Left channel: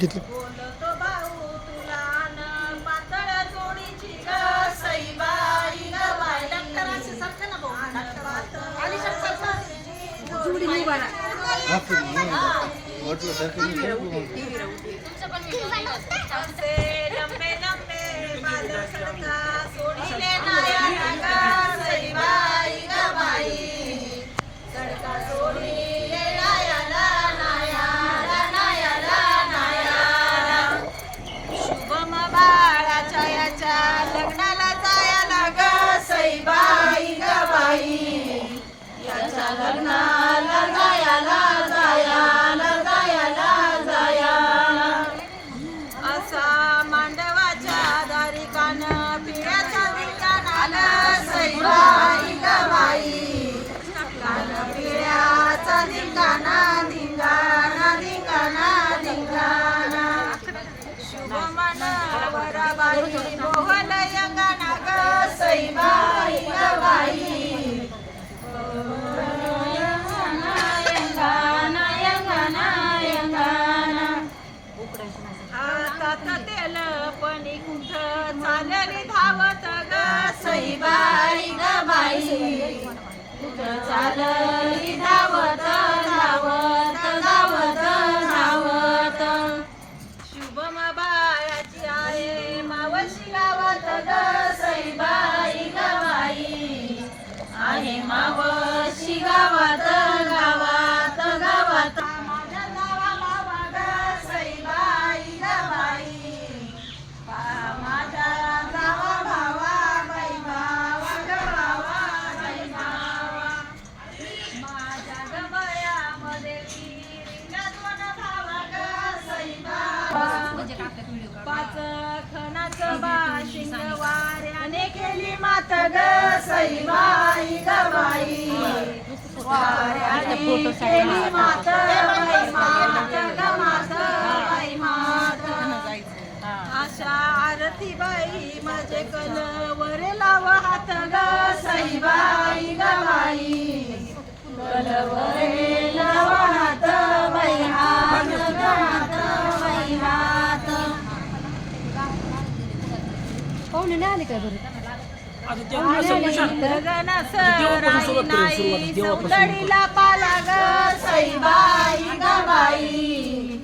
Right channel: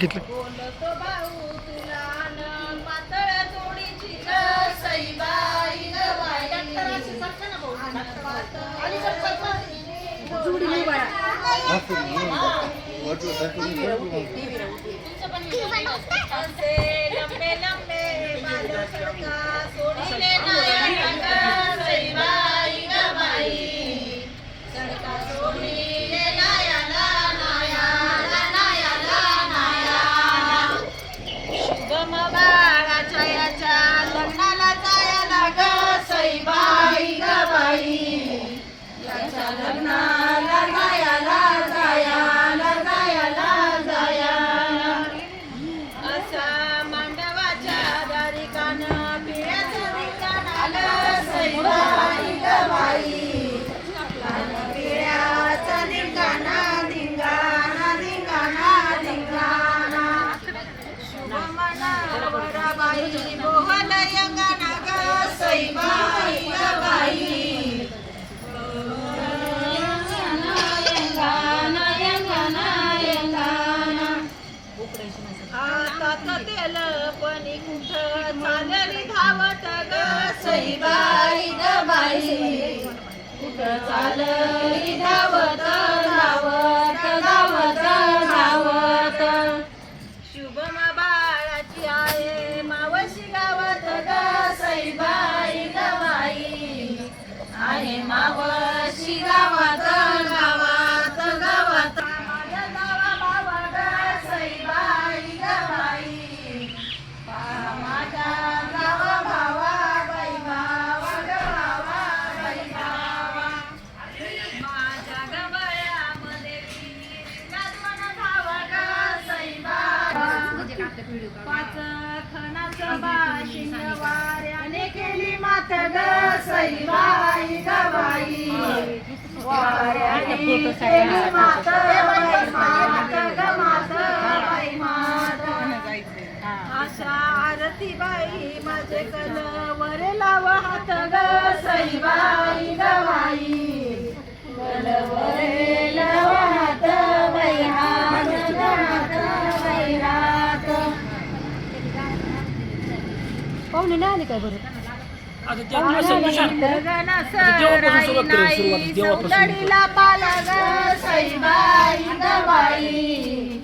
बोलतो भाऊ तुला न पातळ सईबाई ग चालली धावत धावत धावत धावत. शुभम बाळाची आहे मावशी गावात ग सईबाई बाई आहे मावशी गावात गावात पाच खणाचं बाशिंग वाऱ्याने केली मात ग सईबाई ग बाई वाऱ्याने केली मात बाई मात ग मात बाई मात आरती बाई माझे कलवर लाव हात ग सईबाई ग बाई कलवरे लाव पाहुणे नाही आले काय बरं आता ते आपलं समजून सांग. देवापासून सुरुवात करेल, सुरुवात देवापासून. सौंदडीला पाला ग सईबाई ग बाई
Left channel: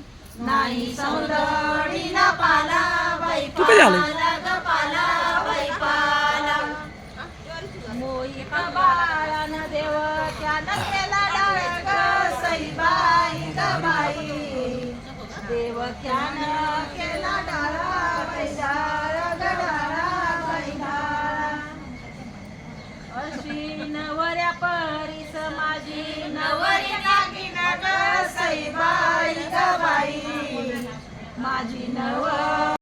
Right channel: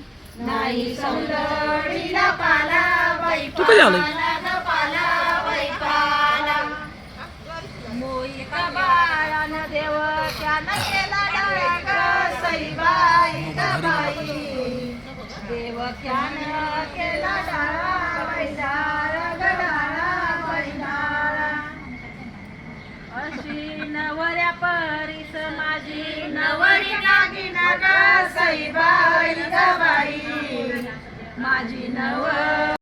नाही सौंदडीला पाला बाई तू कधी आली? पाला ग पाला बाई पाला मोहित बाळानं देव त्यानं केला डाळा ग सईबाई ग बाई देव त्यानं केला डाळा बाई डाळा नवऱ्या परीस माझी नवरी नागी ग सईबाई बाई. माझी नवर